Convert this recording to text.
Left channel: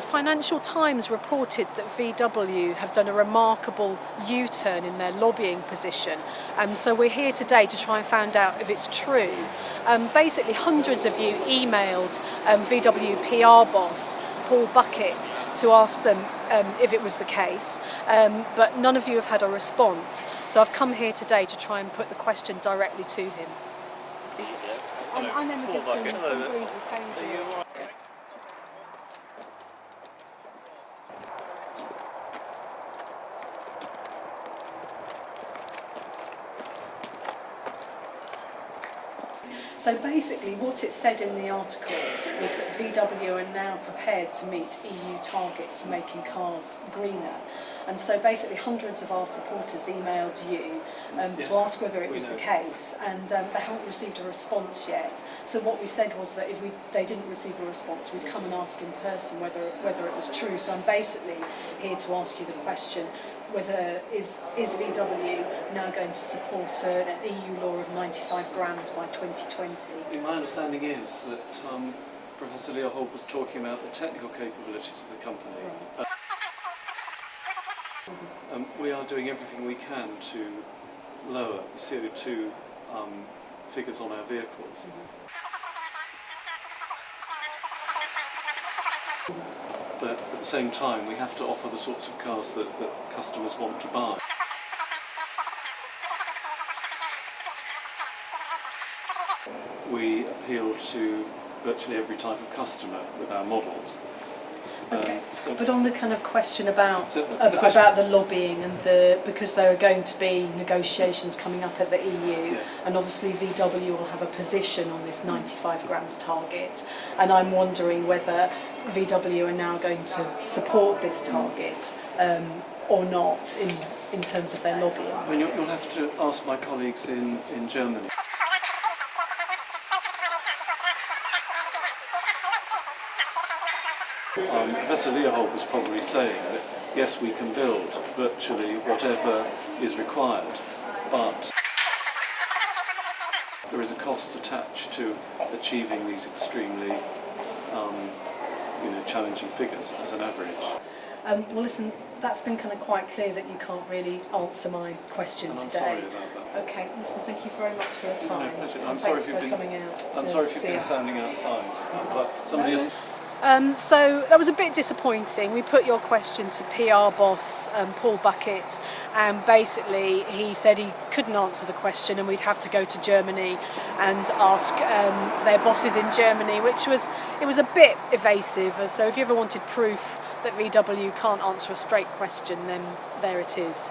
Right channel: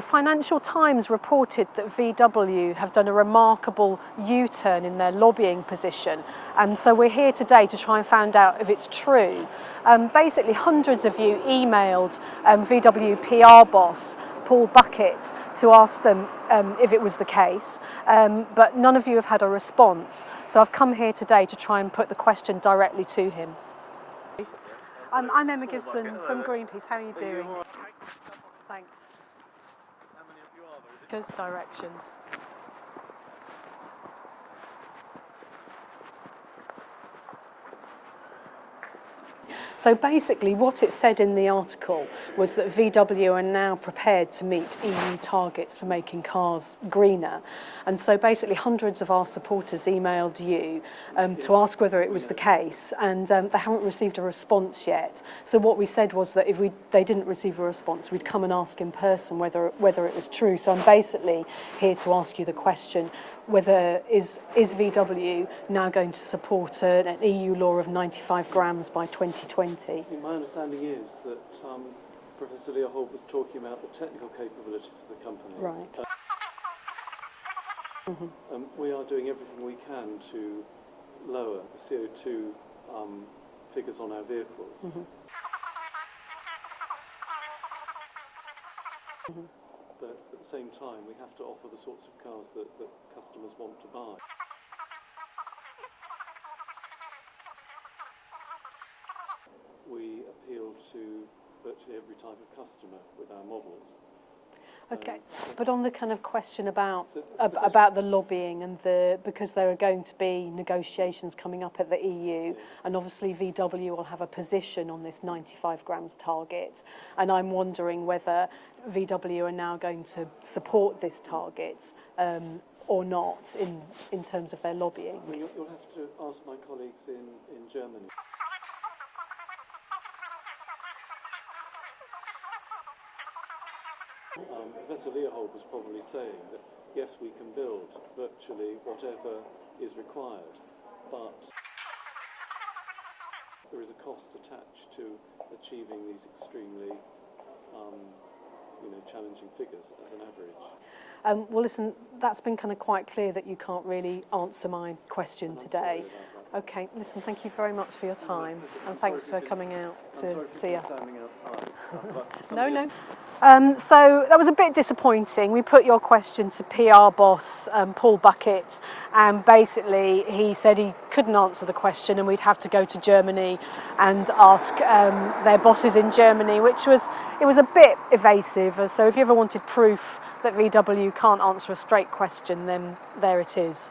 the Financial Times reported that VW have done a remarkable U-turn in their lobbying position. So we're here today to try and find out if it's true. Basically, hundreds of you emailed VW PR boss Paul Bucket to ask them if it was the case, but none of you have had a response. So I've come here today to try and put the question directly to him. I'm Emma Gibson from Greenpeace. How are you doing? Thanks. Good directions. So basically what it said in the article was that VW are now prepared to meet EU targets for making cars greener. And so basically hundreds of our supporters emailed you to ask whether it was the case, and they haven't received a response yet. So what we said was that if they didn't receive a response, we'd come and ask in person whether it was true. So I'm basically here to ask you the question, whether is VW now going to support an EU law of 95 grams by 2020? My understanding is that Professor Leopold was talking about the technical capabilities of the company. Right. We are doing everything we can to lower the CO2 figures on our vehicles. But at the same time, we have to offer the sorts of cars that customers want to buy. We appeal to virtually every type of customer with our models. Okay, but on the kind of question about the lobbying and because there are going to be negotiations coming up at the EU, yes. And obviously VW will have a position on this 95 grams target, and I'm wondering whether VW are now going to support this target or not in terms of their lobbying. I mean, you'll have to ask my colleagues in Germany. Professor Leopold was probably saying that yes, we can build virtually whatever is required, but there is a cost attached to achieving these extremely challenging figures as an average. Well, listen, that's been kind of quite clear that you can't really answer my question today. Sorry about that. Okay, listen, thank you very much for your time. No, pleasure. Thanks for coming out. I'm sorry if you've been sounding outside. But somebody else. So that was a bit disappointing. We put your question to PR boss Paul Bucket, and basically he said he couldn't answer the question and we'd have to go to Germany and ask their bosses in Germany, it was a bit evasive. So if you ever wanted proof that VW can't answer a straight question, then there it is.